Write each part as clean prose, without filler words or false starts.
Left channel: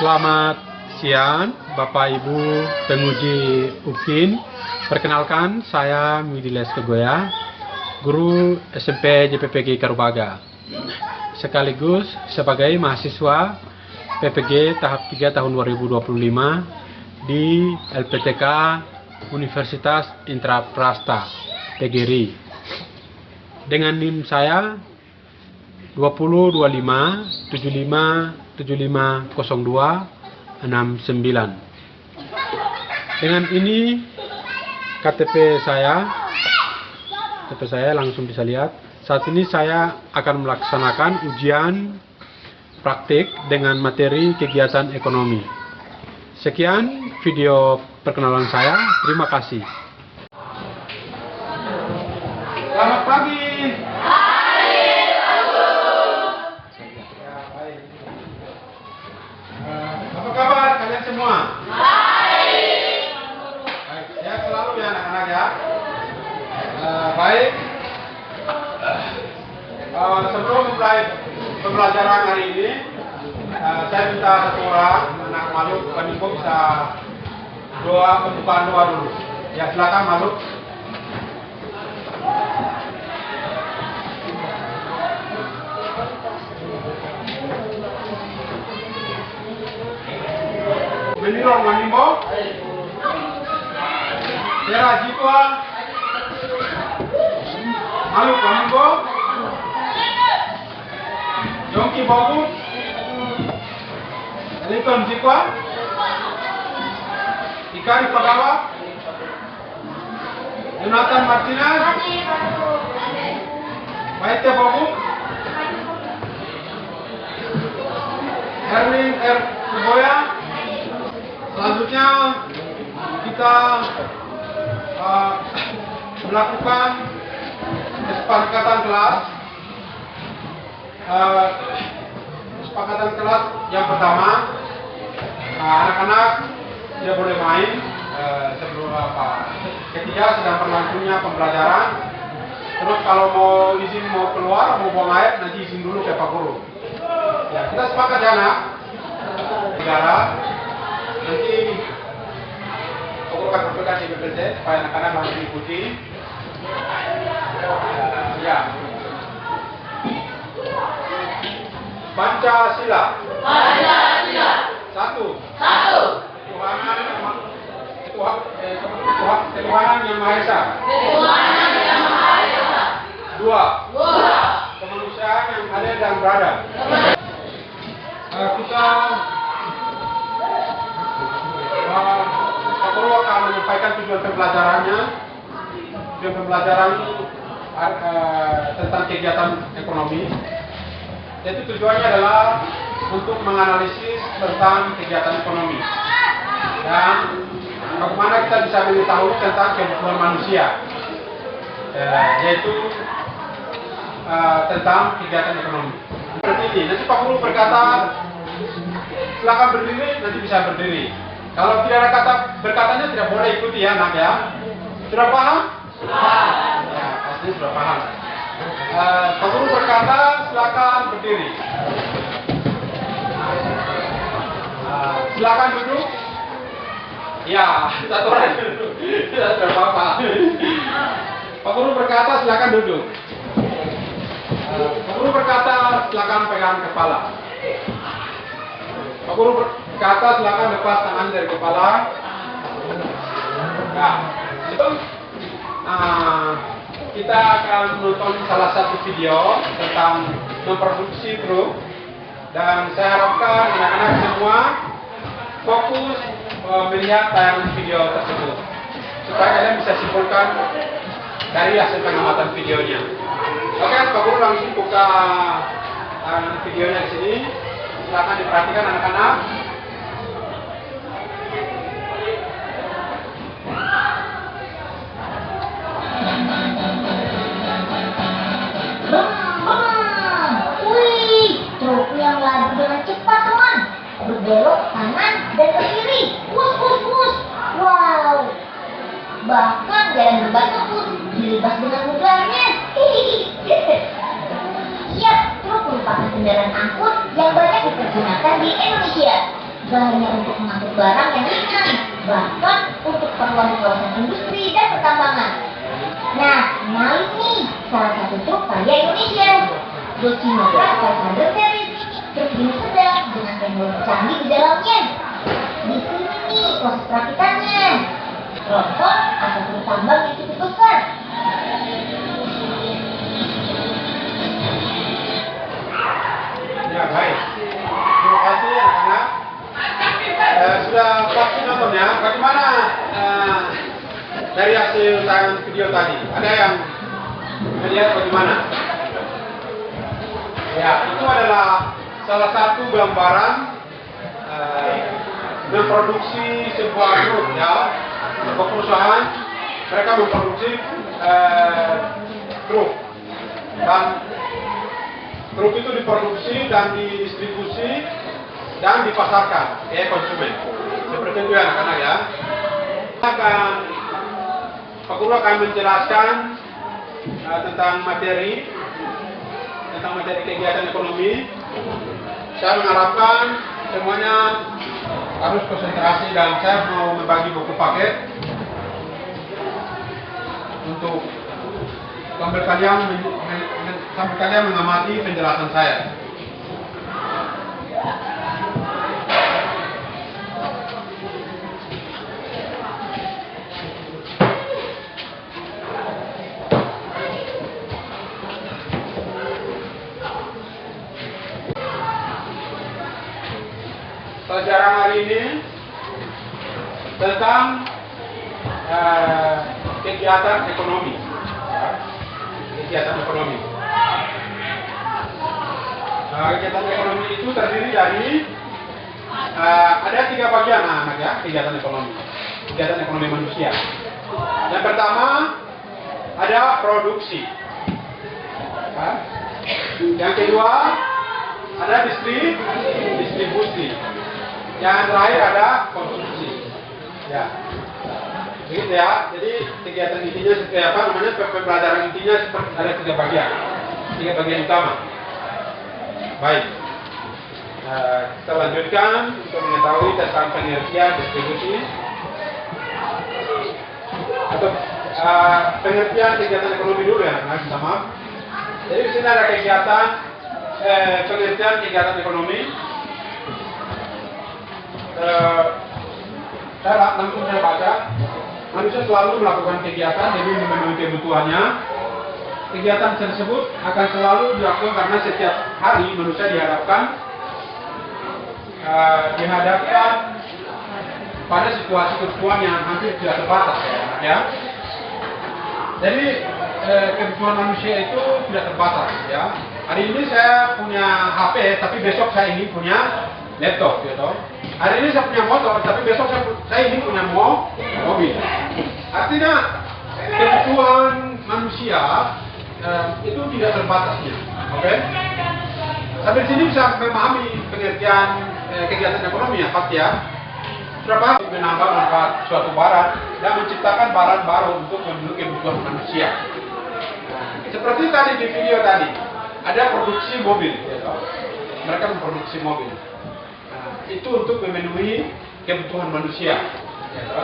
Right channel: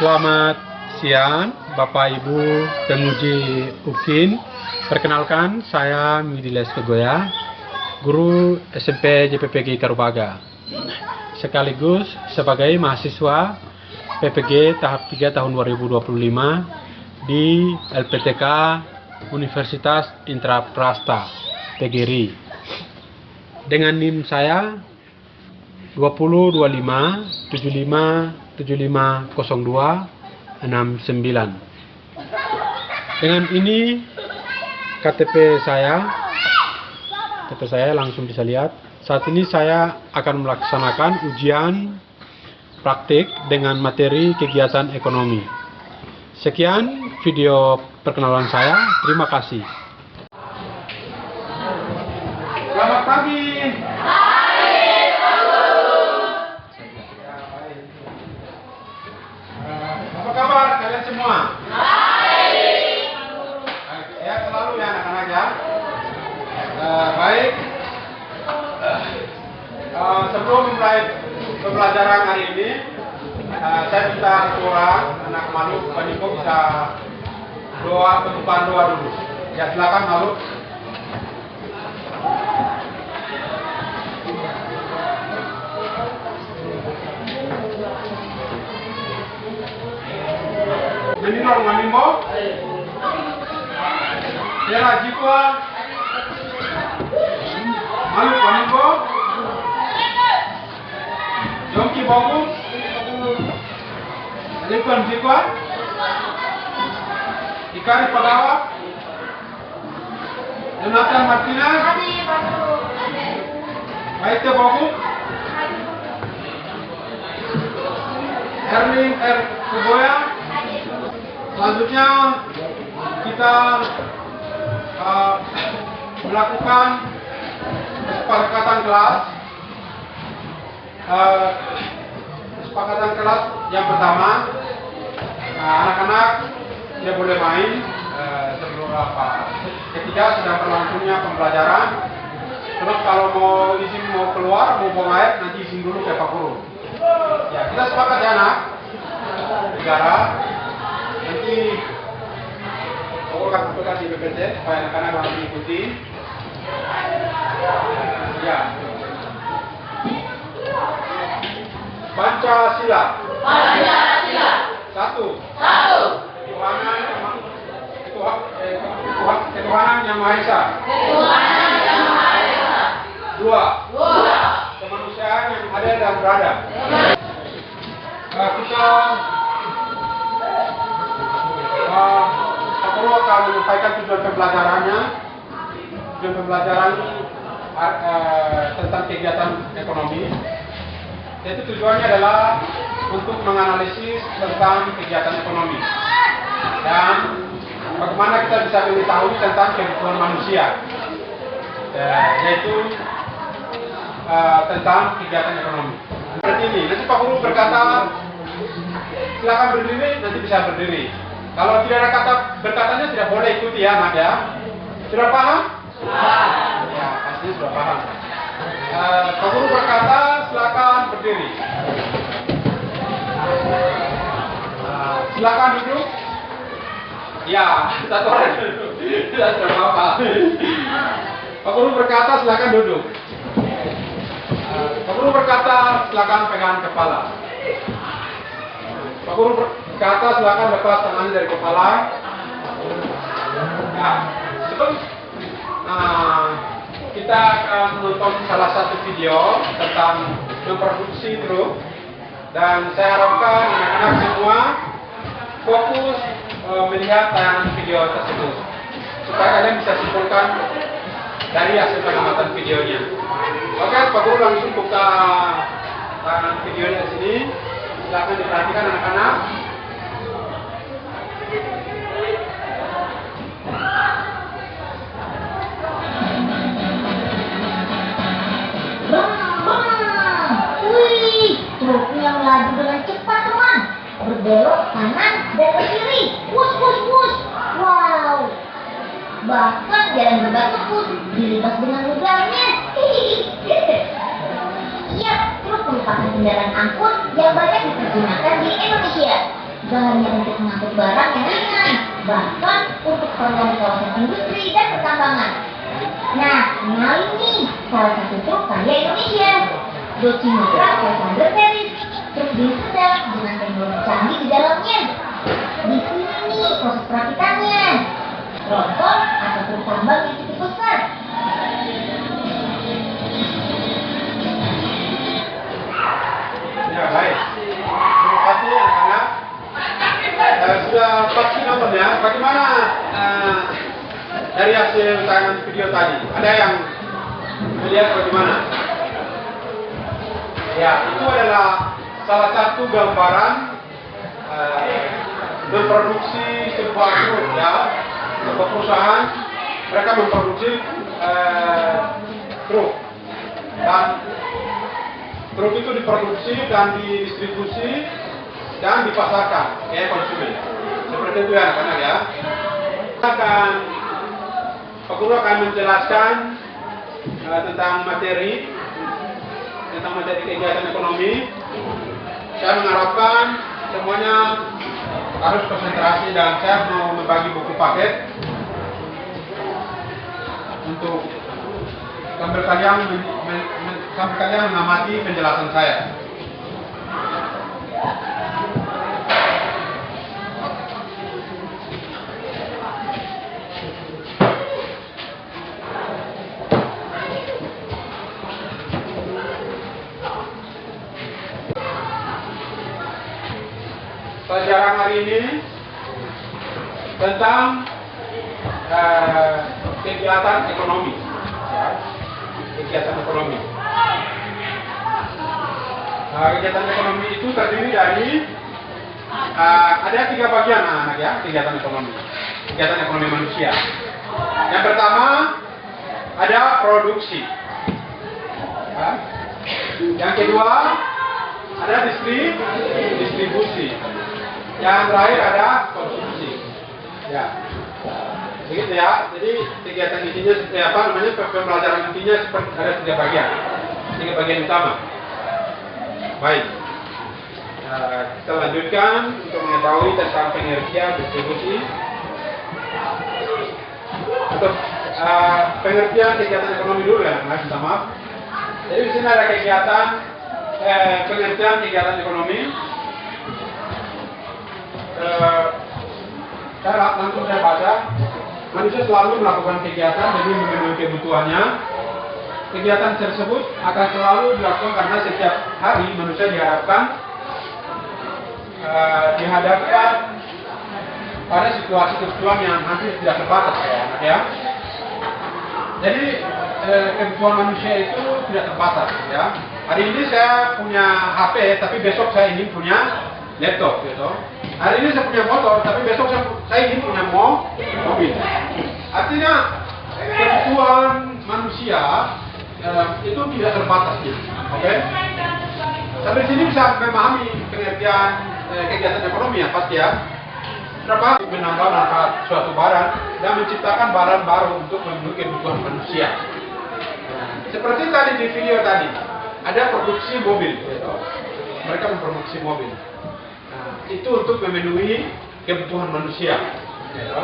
Selamat siang Bapak Ibu penguji UKIN. Perkenalkan, saya Midiles Kegoya, guru SMP JPPG Karubaga, sekaligus sebagai mahasiswa PPG tahap 3 tahun 2025 di LPTK Universitas Intraprasta PGRI dengan NIM saya 202575750269. Dengan ini KTP saya langsung bisa lihat. Saat ini saya akan melaksanakan ujian praktik dengan materi kegiatan ekonomi. Sekian video perkenalan saya. Terima kasih. Selamat pagi. Apa kabar kalian semua? Baik. Ya, selalu ya anak-anak ya. Baik. Sebelum mulai pembelajaran hari ini, saya minta satu orang anak Maluk Penimpo bisa pembukaan doa dulu. Ya, silakan Maluk. Menirong Manimbo, Sera Jipwa, Maluk Manimbo, Yongki Bogu, Lincoln Jipwa, Ikari Pagawa, Jonathan Martinez, Maite Bogu, Erwin R. Kuboya. Selanjutnya kita melakukan kesepakatan kelas. Kesepakatan kelas yang pertama, anak-anak dia boleh main sebelum ketiga sedang berlangsungnya pembelajaran. Terus kalau mau izin mau keluar mau buang air nanti izin dulu ke Pak Guru. Ya, kita sepakat ya anak. Negara nanti aku akan sampaikan di PPT supaya anak-anak langsung mengikuti. Ya. Pancasila. Pancasila. Satu. Ketuhanan yang Maha Esa. Dua. Kemanusiaan yang adil dan beradab. Kita Pak Guru akan menyampaikan tujuan pembelajarannya. Tujuan pembelajaran tentang kegiatan ekonomi. Yaitu tujuannya adalah untuk menganalisis tentang kegiatan ekonomi dan bagaimana kita bisa mengetahui tentang kebutuhan manusia, yaitu tentang kegiatan ekonomi. Seperti ini. Nanti Pak Guru berkata silakan berdiri, nanti bisa berdiri. Kalau tidak ada kata berkatanya tidak boleh ikuti ya anak ya. Sudah paham? Sudah. Ya, pasti sudah paham. Pak Guru berkata silakan berdiri. Silakan duduk. Ya, satu orang duduk. Sudah paham. Pak Guru berkata silakan duduk. Pak Guru berkata silakan pegang kepala. Pak Guru berkata silakan lepas tangan dari kepala. Nah, sebelum kita akan menonton salah satu video tentang memproduksi grup, dan saya harapkan anak-anak semua fokus melihat tayangan video tersebut supaya kalian bisa simpulkan dari hasil pengamatan videonya. Oke, Pak Guru langsung buka videonya di sini. Silakan diperhatikan anak-anak. Wih, truk yang laju dengan cepat teman, berbelok kanan dan ke kiri. Wus. Wow, bahkan jalan berbatu dilibas dengan mudahnya. Siap, truk merupakan kendaraan angkut yang banyak dipergunakan di Indonesia. Gak hanya untuk mengangkut barang yang ringan, bahkan untuk keperluan kawasan industri dan pertambangan. Nah, kenalin nih salah satu truk karya Indonesia, Docimotra 500 series. Truk ini sedang dengan teknologi canggih di dalamnya. Di sini nih proses perakitannya. Tronton atau truk tambang yang cukup besar. Ya, baik. Terima kasih anak-anak. Sudah pasti nonton ya. Bagaimana dari hasil tayangan video tadi? Ada yang melihat bagaimana? Ya, itu adalah salah satu gambaran memproduksi sebuah truk ya. Sebuah perusahaan mereka memproduksi truk dan truk itu diproduksi dan didistribusi dan dipasarkan ke konsumen. Seperti itu ya anak-anak ya. Pak Guru akan menjelaskan tentang materi kegiatan ekonomi. Saya mengharapkan semuanya harus konsentrasi dan saya mau membagi buku paket untuk sambil kalian mengamati penjelasan saya. Pelajaran hari ini tentang kegiatan ekonomi. Kegiatan ekonomi. Kegiatan ekonomi itu terdiri dari ada 3 bagian anak ya, kegiatan ekonomi. Kegiatan ekonomi manusia. Yang pertama ada produksi. Yang kedua ada distribusi. Yang terakhir ada konsumsi. Ya. Begitu ya. Jadi kegiatan intinya pembelajaran intinya ada 3 bagian. 3 bagian utama. Baik. Kita lanjutkan untuk mengetahui tentang pengertian distribusi atau pengertian kegiatan ekonomi dulu ya, minta maaf. Jadi di sini ada kegiatan pengertian kegiatan ekonomi. Langsung saya baca. Manusia selalu melakukan kegiatan demi memenuhi kebutuhannya. Kegiatan tersebut akan selalu dilakukan karena setiap hari manusia dihadapkan pada situasi kebutuhan yang hampir tidak terbatas ya. Jadi kebutuhan manusia itu tidak terbatas ya. Hari ini saya punya HP, tapi besok saya ingin punya laptop gitu. Hari ini saya punya motor, tapi besok saya ingin punya mobil. Artinya kebutuhan manusia itu tidak terbatasnya, oke? Sampai sini bisa memahami pengertian kegiatan ekonomi ya pasti ya. Berapa menambah suatu barang dan menciptakan barang baru untuk memenuhi kebutuhan manusia. Seperti tadi di video tadi, ada produksi mobil, gitu. Mereka memproduksi mobil. Nah, itu untuk memenuhi kebutuhan manusia, gitu.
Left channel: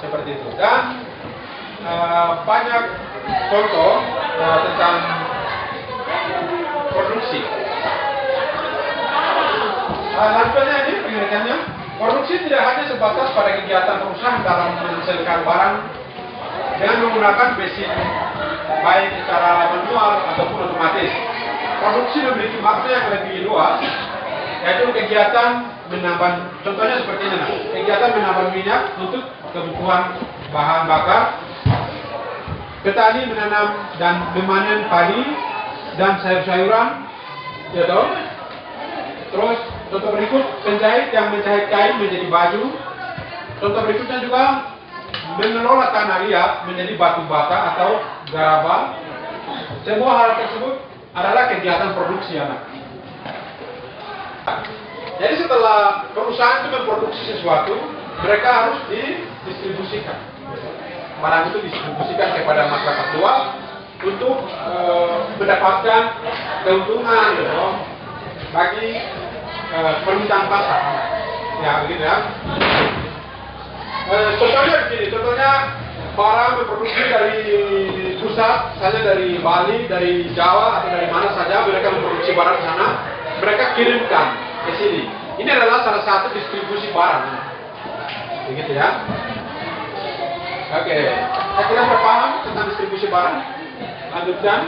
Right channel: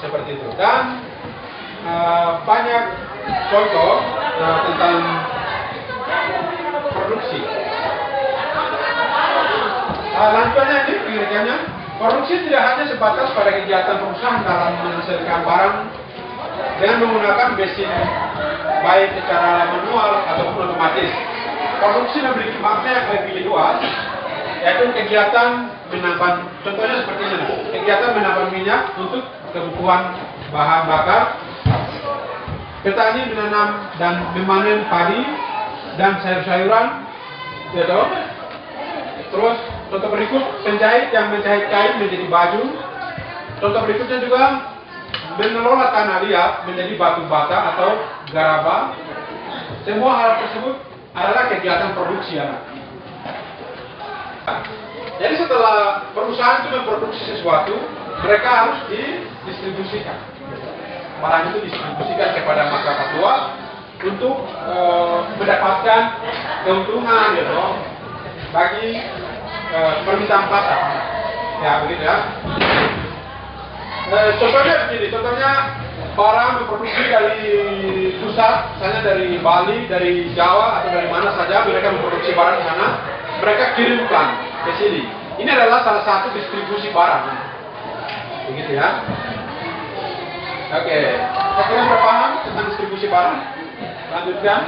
Seperti itu. Dan banyak contoh tentang produksi. Lanjutannya ini pengertiannya, produksi tidak hanya sebatas pada kegiatan perusahaan dalam menghasilkan barang dengan menggunakan mesin baik secara manual ataupun otomatis. Produksi memiliki makna yang lebih luas, yaitu kegiatan menambah, contohnya seperti ini, kegiatan menambah minyak untuk kebutuhan bahan bakar. Petani menanam dan memanen padi dan sayur-sayuran, gitu. Terus contoh berikut, penjahit yang menjahit kain menjadi baju. Contoh berikutnya juga mengelola tanah liat menjadi batu bata atau garaba. Semua hal tersebut adalah kegiatan produksi anak. Jadi setelah perusahaan itu memproduksi sesuatu, mereka harus didistribusikan. Barang itu didistribusikan kepada masyarakat luas untuk mendapatkan keuntungan gitu, bagi permintaan pasar. Ya, begitu ya. Contohnya begini, contohnya barang memproduksi dari pusat, misalnya dari Bali, dari Jawa atau dari mana saja mereka memproduksi barang di sana, mereka kirimkan ke sini. Ini adalah salah satu distribusi barang. Begitu ya. Oke, saya kira sudah paham tentang distribusi barang. Lanjutkan.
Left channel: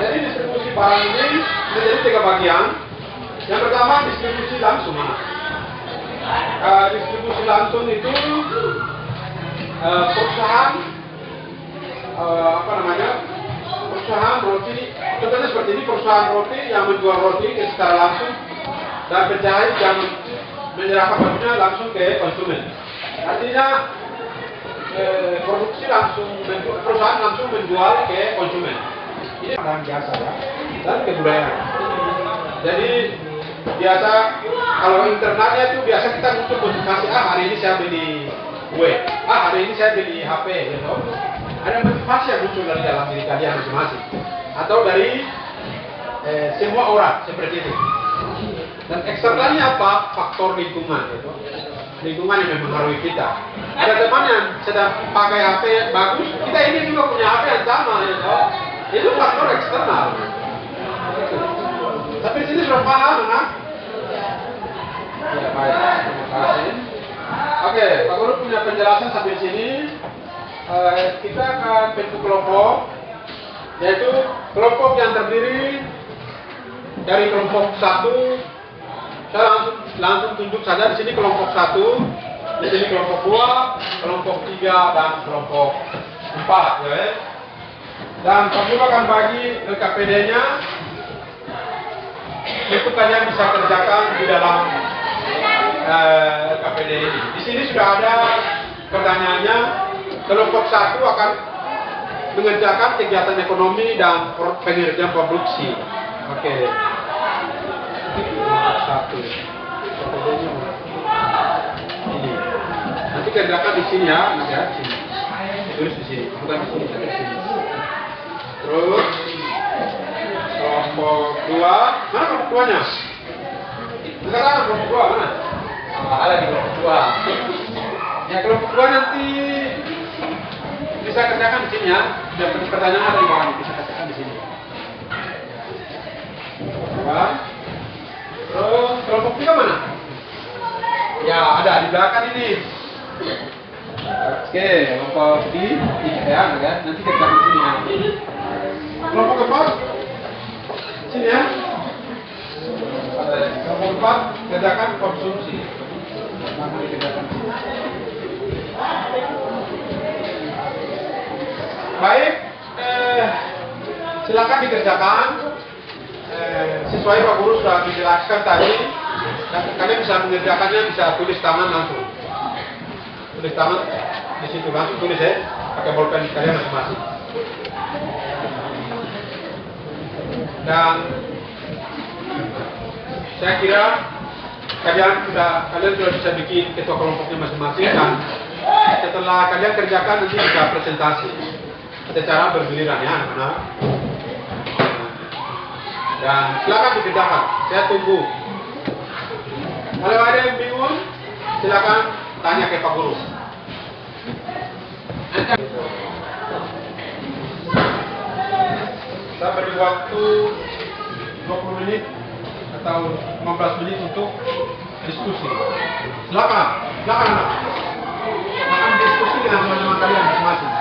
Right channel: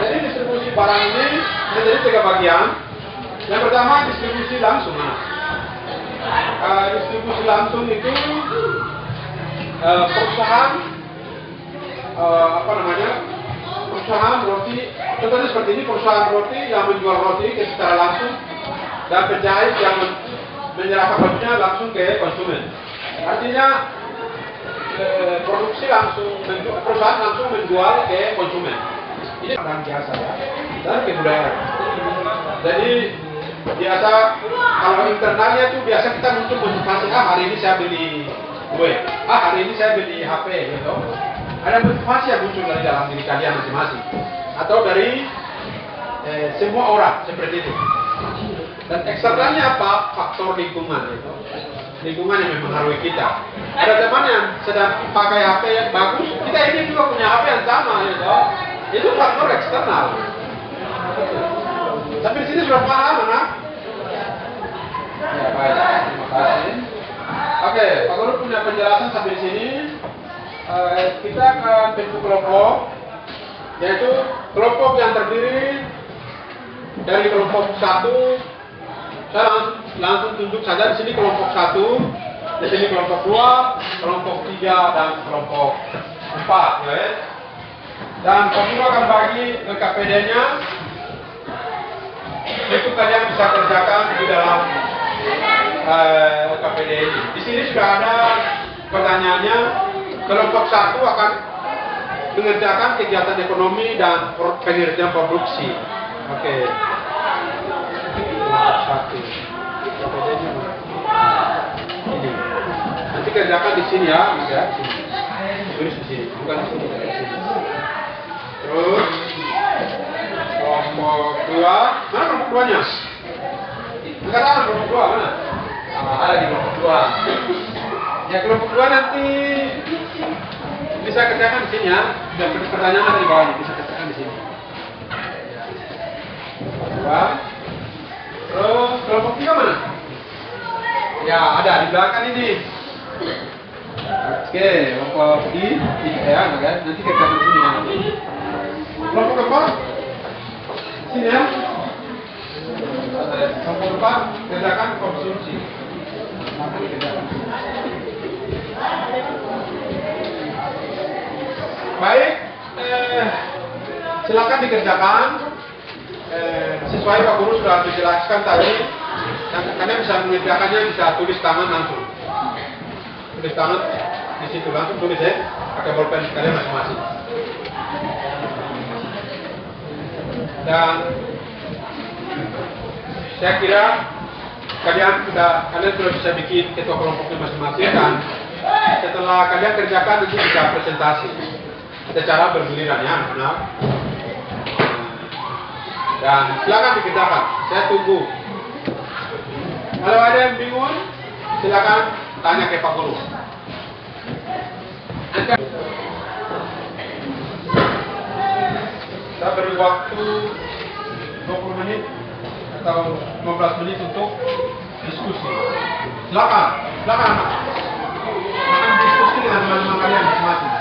Jadi distribusi barang ini menjadi 3 bagian. Yang pertama distribusi langsung. Distribusi langsung itu perusahaan perusahaan roti. Contohnya seperti ini, perusahaan roti yang menjual roti secara langsung dan penjahit yang menyerahkan bajunya langsung ke konsumen. Artinya produksi langsung, perusahaan langsung menjual ke konsumen. Ini barang biasa ya, dan kebudayaan. Jadi biasa kalau internalnya itu biasa kita muncul motivasi, hari ini saya beli kue, hari ini saya beli HP gitu. Ada motivasi yang muncul dari dalam diri kalian masing-masing atau dari semua orang seperti itu. Dan eksternalnya apa? Faktor lingkungan gitu. Lingkungan yang mempengaruhi kita. Ada teman yang sedang pakai HP yang bagus, kita ini juga punya HP yang sama gitu. Itu faktor eksternal. Tapi di sini sudah paham, anak? Ya, baik. Terima kasih. Oke, Pak Guru punya penjelasan sampai sini. Kita ke bentuk kelompok, yaitu kelompok yang terdiri dari kelompok 1. Saya langsung tunjuk saja di sini kelompok 1, di sini kelompok 2, kelompok 3 dan kelompok 4, ya. Dan Pak Guru akan bagi LKPD-nya. Itu kalian bisa kerjakan di dalam KPD ini. Di sini sudah ada pertanyaannya. Kelompok 1 akan mengerjakan kegiatan ekonomi dan pengerjaan produksi. Oke. Kelompok 1. KPD-nya ini. Nanti kerjakan di sini ya, Mas ya. Sini. Tulis di sini, bukan di sini, di sini. Terus kelompok 2, mana kelompok 2-nya? Sekarang kelompok 2 mana? Ada di kelompok 2. Ya kelompok 2 nanti bisa kerjakan di sini ya. Dan pertanyaan ada di bawahnya, bisa kerjakan di sini. Ya. Terus kelompok 3 mana? Ya ada di belakang ini. Oke, kelompok 3 ya, nanti kerjakan di sini ya. Kelompok keempat? Sini ya. Kelompok keempat kerjakan konsumsi. Baik, silakan dikerjakan. Sesuai Pak Guru sudah menjelaskan tadi, dan kalian bisa mengerjakannya, bisa tulis tangan langsung. Tulis tangan di situ langsung tulis ya, pakai bolpen kalian masing-masing. Dan saya kira kalian sudah bisa bikin ketua kelompoknya masing-masing, dan setelah kalian kerjakan nanti bisa presentasi secara bergiliran ya anak-anak. Dan silakan dikerjakan, saya tunggu. Kalau ada yang bingung, silakan tanya ke Pak Guru. Saya beri waktu 20 menit atau 15 menit untuk diskusi. Silakan anak. Akan diskusi dengan teman-teman kalian masing-masing.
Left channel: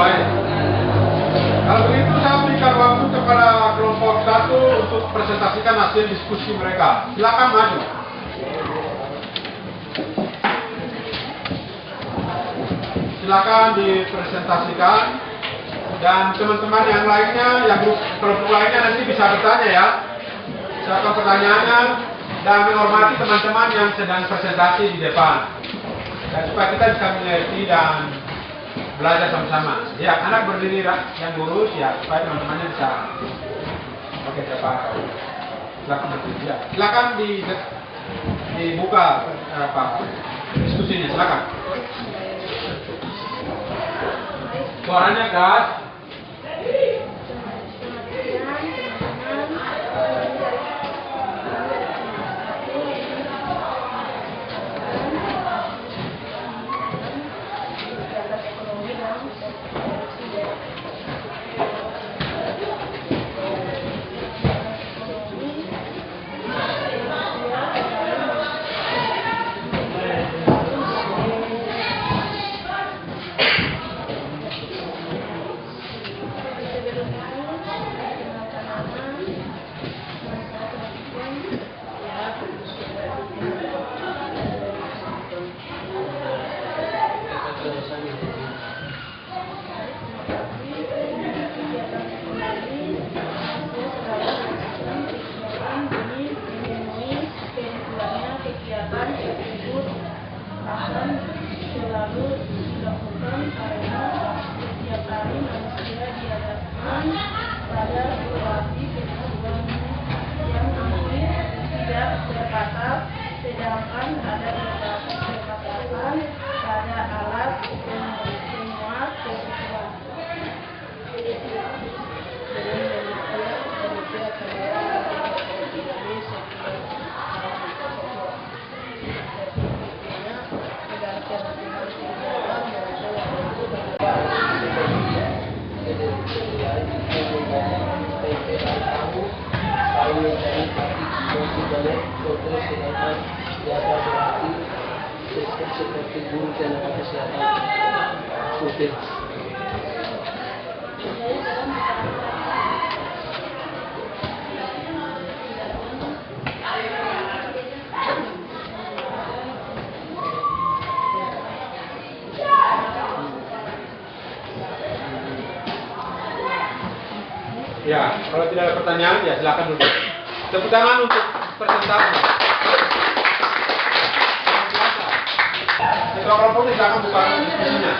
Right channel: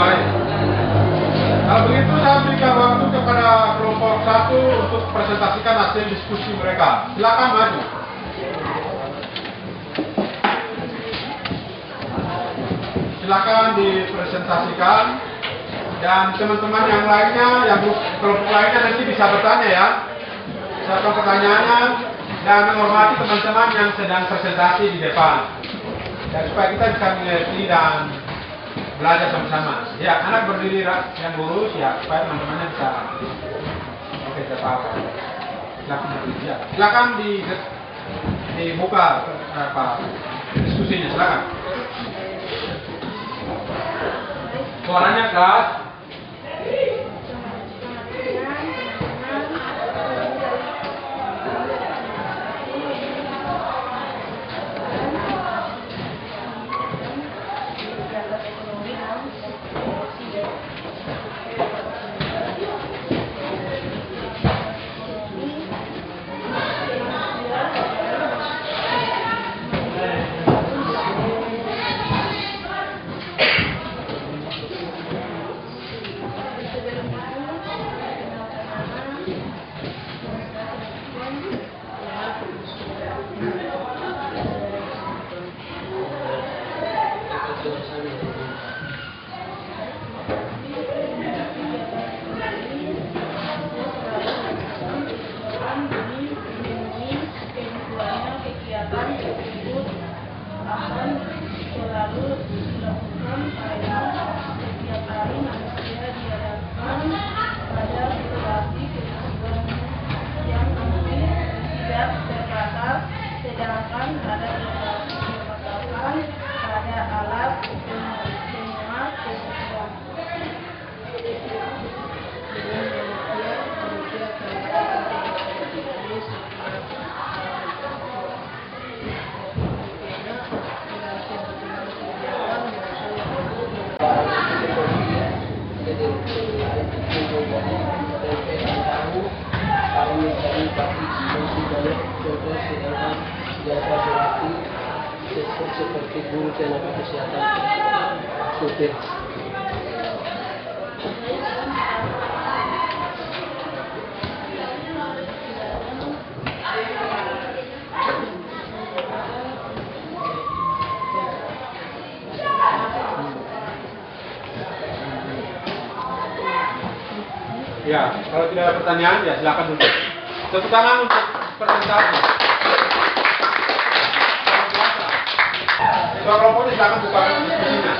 Baik. Kalau begitu saya berikan waktu kepada kelompok 1 untuk presentasikan hasil diskusi mereka. Silakan maju. Silakan dipresentasikan, dan teman-teman yang lainnya, yang kelompok lainnya nanti bisa bertanya ya. Silakan pertanyaannya dan menghormati teman-teman yang sedang presentasi di depan. Dan supaya kita bisa mengerti dan belajar sama-sama. Ya, anak berdiri yang lurus ya, supaya teman-temannya bisa. Oke, cepat. Silakan berdiri. Ya. Silakan dibuka diskusinya. Silakan. Suaranya keras. Sedangkan pada pembatasan pada alat semua kebutuhan. Contoh sedangkan jasa berarti seperti guru tenaga kesehatan supir. Ya, kalau tidak ada pertanyaan ya silakan duduk. Tepuk tangan untuk presentasi. Ketua kelompok silakan buka diskusinya.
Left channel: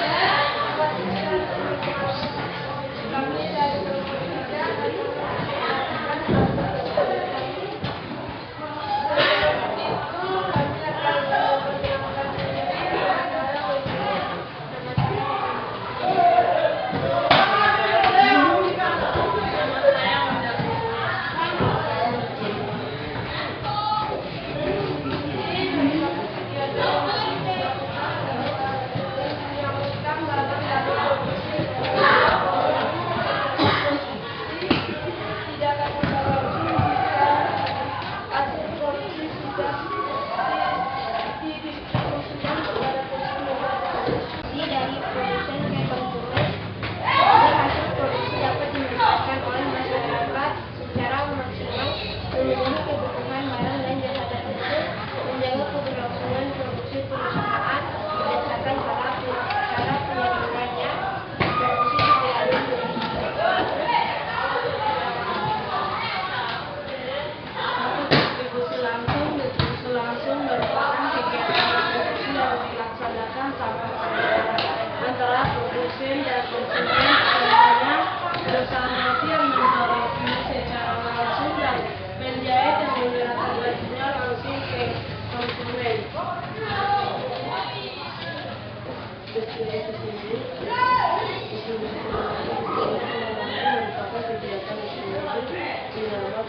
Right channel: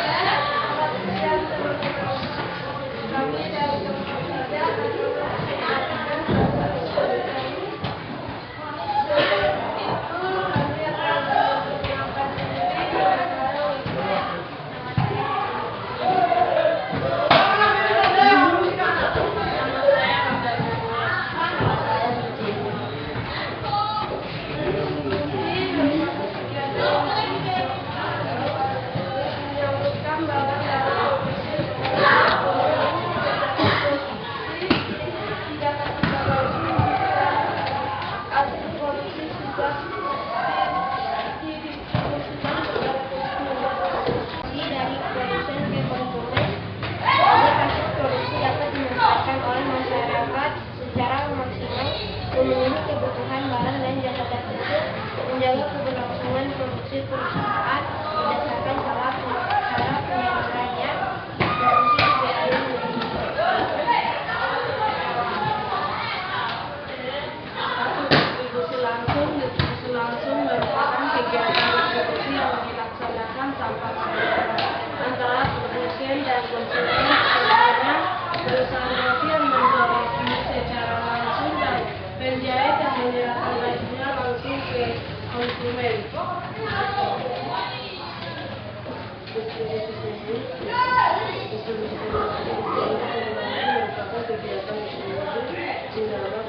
Memenuhi kebutuhan barang dan jasa tersebut, menjaga keberlangsungan produksi perusahaan berdasarkan cara penyalurannya, produksi idealnya distribusi langsung merupakan kegiatan distribusi yang dilaksanakan tanpa perantara antara produsen dan konsumen. Contohnya, perusahaan roti yang memproduksi secara langsung dan penjahit yang menyerahkan bajunya langsung ke konsumen. Merupakan kegiatan distribusi di dalam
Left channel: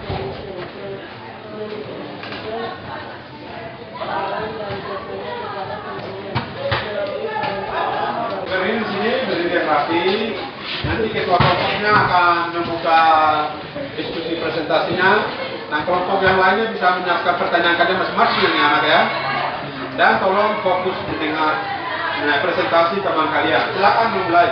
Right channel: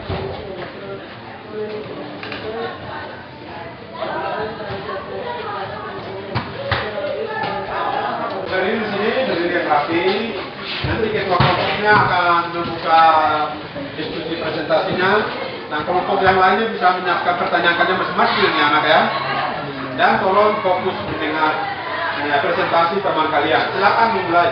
Berdiri di sini, berdiri yang rapi. Nanti ketua kelompoknya akan membuka diskusi presentasinya. Nah, kelompok yang lainnya bisa menyiapkan pertanyaannya masing-masing ya anak ya. Dan tolong fokus mendengar presentasi teman kalian. Silakan mulai.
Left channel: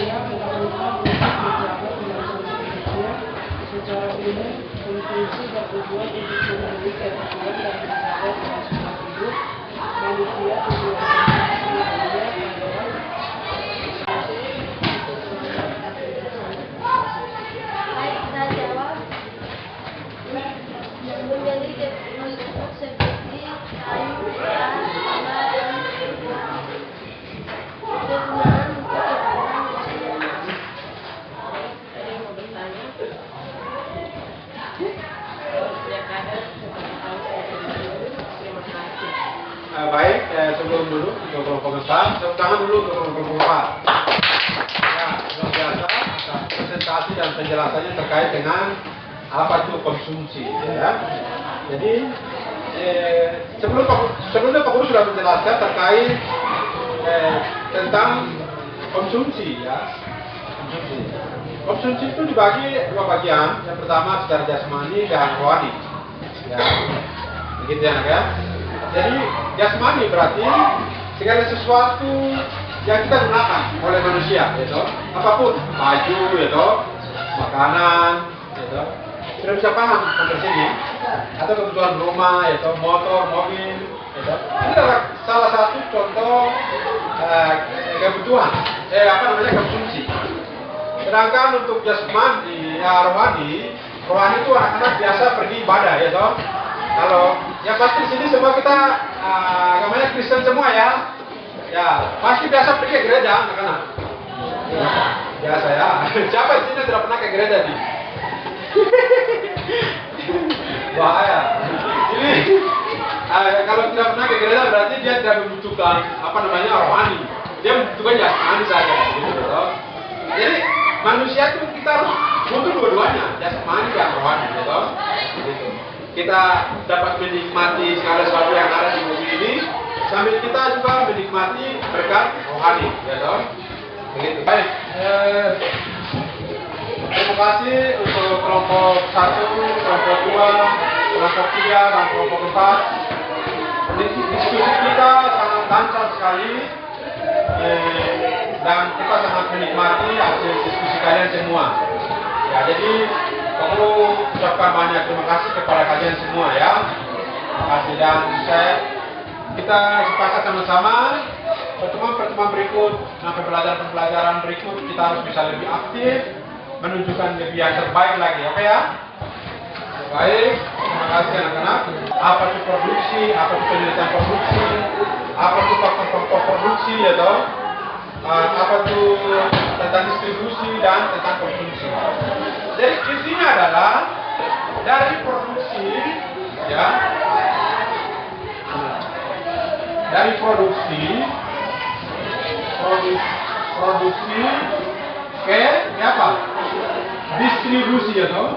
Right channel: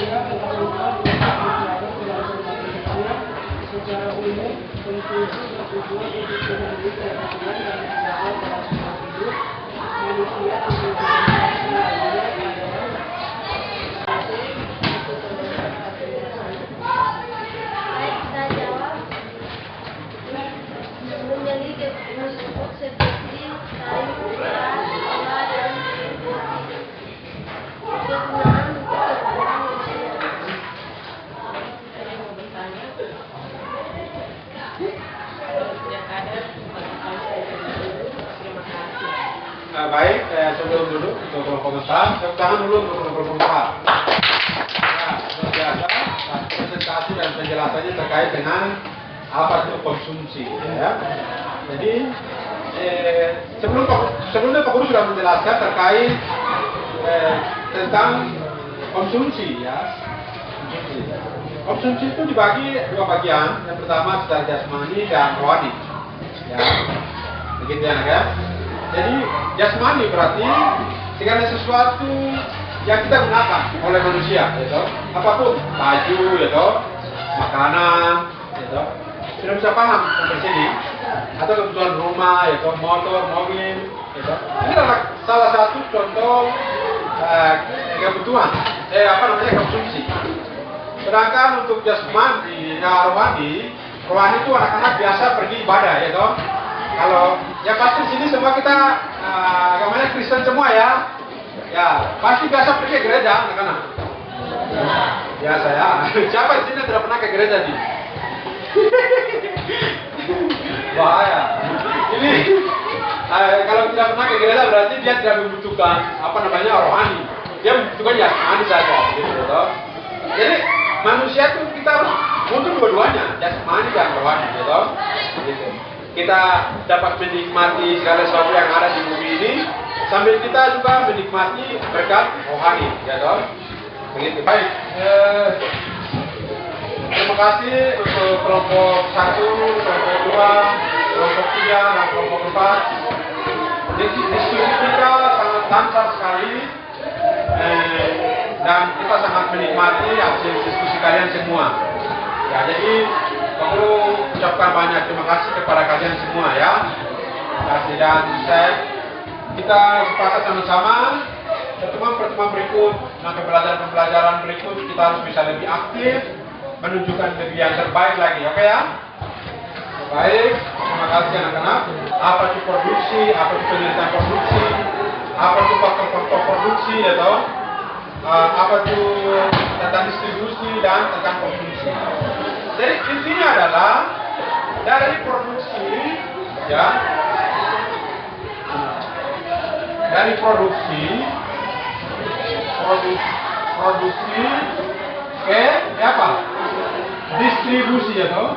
panitia pemerintah untuk menjaga pelaksanaan tugasnya secara umum berfungsi dan tujuan untuk memenuhi kepentingan dan menjaga kelangsungan hidup manusia untuk lainnya adalah Baik, kita jawab. Menjadi tersebut seperti kayu, beras, gula, dan kegunaan untuk keperluan manusia. Ada yang mau bertanya? Kalau tidak ada, kita terima kasih. Baik, sebelum dulu untuk komentar, tepuk tangan dulu untuk komentar. Ya, luar biasa presentasi dan penjelasannya terkait dengan apa itu konsumsi. Ya. Jadi sebelumnya Pak Guru sudah menjelaskan terkait tentang konsumsi, ya. Konsumsi itu dibagi dua bagian. Yang pertama secara jasmani dan rohani. Ya, begitu ya, ya. Jadi jasmani berarti segala sesuatu yang kita gunakan oleh manusia, gitu. Apapun, baju, gitu, makanan, gitu. Sudah bisa paham sampai sini? Atau kebutuhan rumah, gitu, motor, mobil, gitu. Ini adalah salah satu contoh kebutuhan, konsumsi. Sedangkan untuk jasmani, rohani itu anak-anak biasa pergi ibadah, ya toh. Kalau yang pasti sini semua kita agamanya Kristen semua ya. Ya, pasti biasa pergi ke gereja, anak-anak. Biasa ya. Siapa di sini tidak pernah ke gereja sih? Bahaya. Ini kalau tidak pernah ke gereja berarti dia tidak membutuhkan rohani. Dia membutuhkan jasmani saja, gitu toh. Jadi manusia itu kita harus butuh dua-duanya, jasmani dan rohani, gitu. Gitu. Kita dapat menikmati segala sesuatu yang ada di bumi ini, sambil kita juga menikmati berkat rohani, ya toh. Begitu. Baik. Terima kasih untuk kelompok 1, kelompok 2, kelompok 3, dan kelompok 4. Diskusi kita sangat lancar sekali. Dan kita sangat menikmati hasil diskusi kalian semua. Ya, jadi perlu ucapkan banyak terima kasih kepada kalian semua ya. Terima kasih, dan kita sepakat sama-sama pertemuan berikut dan pembelajaran berikut kita harus bisa lebih aktif, menunjukkan lebih yang terbaik lagi, oke ya? Baik, terima kasih anak-anak. Apa itu produksi, apa itu penelitian produksi, apa itu faktor-faktor produksi, ya toh? Apa itu tentang distribusi dan tentang konsumsi. Jadi intinya adalah dari produksi, ya, dari produksi ke apa? Distribusi, ya toh?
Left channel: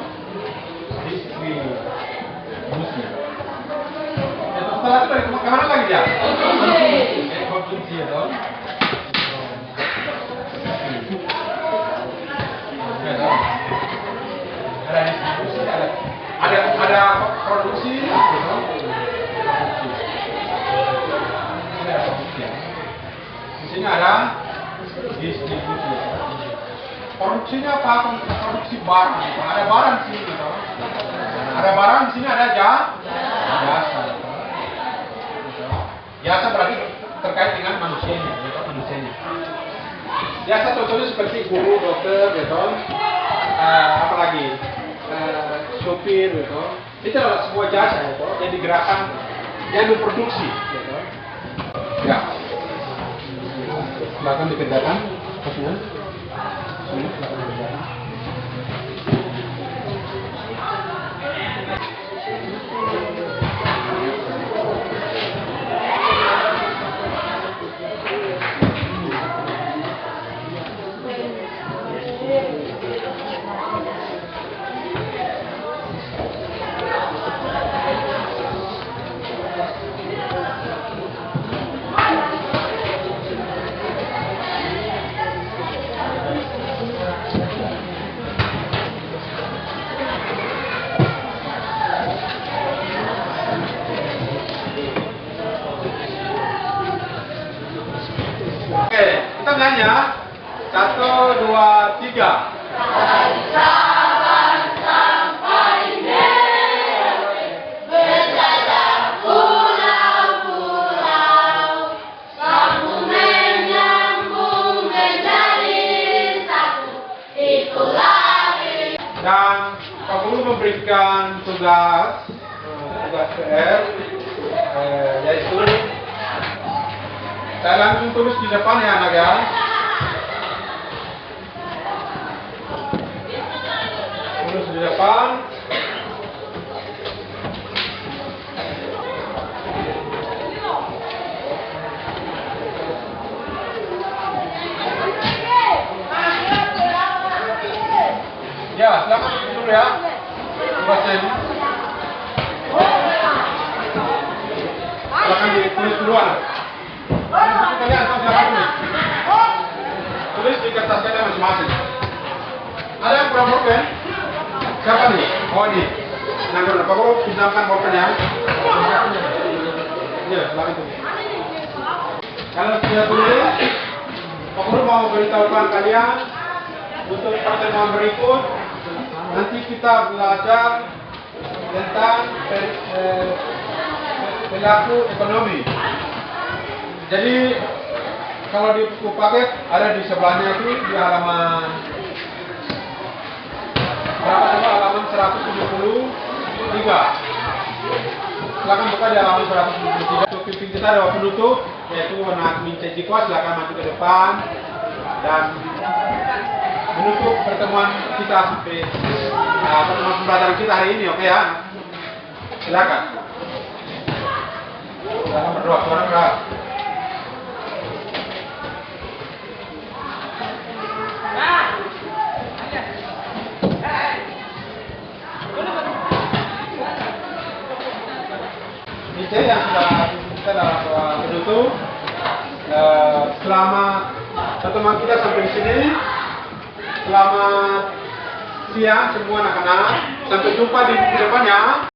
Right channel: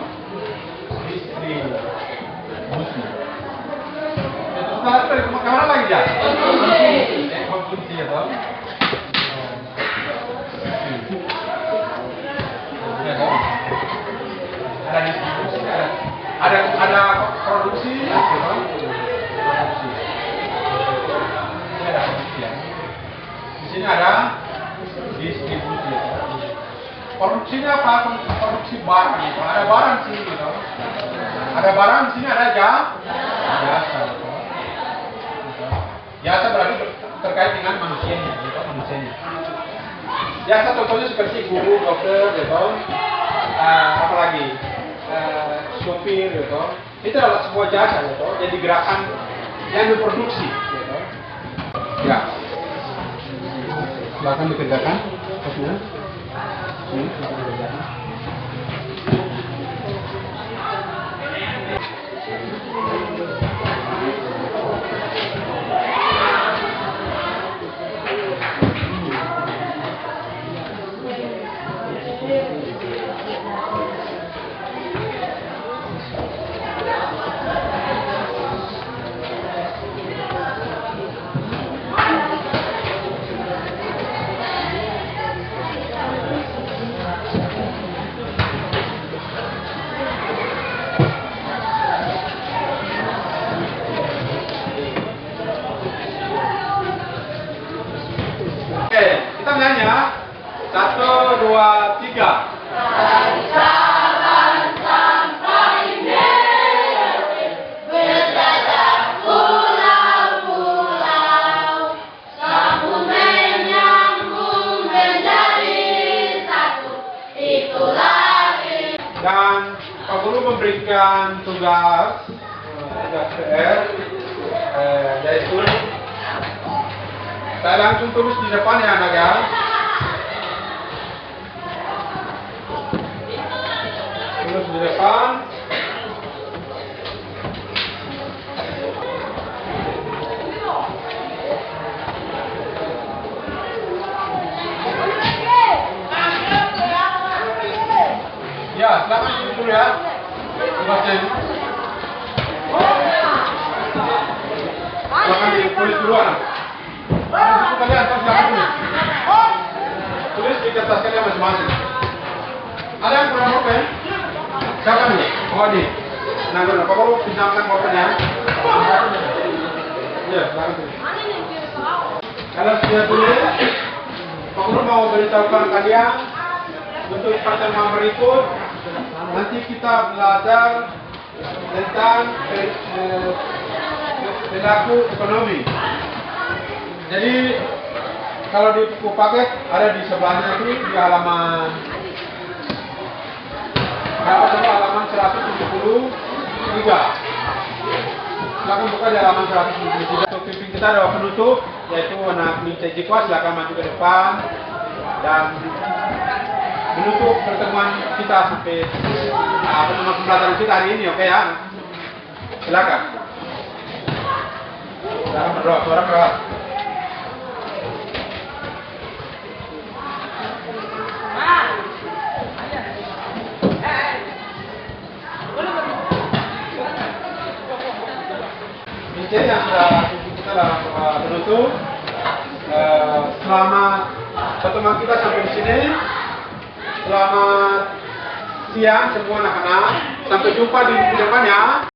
Distribusi. Itu setelah itu kemana lagi ya? Konsumsi, ya toh? Ada distribusi, ada produksi, produksi. Ini ada produksi ya. Di sini ada distribusi. Ya. Produksinya apa? Produksi barang. Gitu. Ada barang di sini, gitu. Ada barang di sini, ada jasa. Jasa berarti terkait dengan manusianya, gitu, manusianya. Jasa contohnya seperti guru, dokter, gitu. Apalagi sopir, gitu. Itu adalah sebuah jasa, gitu. Jadi gerakan yang memproduksi, gitu. Ya. Silakan dikerjakan, semua. Ini silakan dikerjakan. Oke, kita nyanyi ya. 1, 2, 3. Dan Pak Guru memberikan tugas PR, yaitu saya langsung tulis di depan ya anak ya. Tulis di depan. Ya, silakan dulu ya. Tugasnya ini. Silakan ditulis duluan. Itu kalian silakan tulis. Tulis di kertasnya masing-masing. Ada yang kurang pulpen? Siapa nih? Oh ini. Nah, Pak Guru pinjamkan pulpennya. Ya, silakan tulis. Kalau sudah tulis, Pak Guru mau beritahukan kalian untuk pertemuan berikut. Nanti kita belajar tentang perilaku ekonomi. Jadi kalau di buku paket ada di sebelahnya itu di halaman berapa coba, halaman 173. Silakan buka di halaman 173. Untuk pimpin kita ada penutup, yaitu anak Mince Jikwa. Silakan maju ke depan dan menutup pertemuan kita sampai pertemuan pembelajaran kita hari ini, oke ya? Silakan. Silakan berdoa, suara keras. Ini yang sudah kita dalam penutup. Selamat pertemuan kita sampai di sini. Selamat siang semua anak-anak. Sampai jumpa di depannya.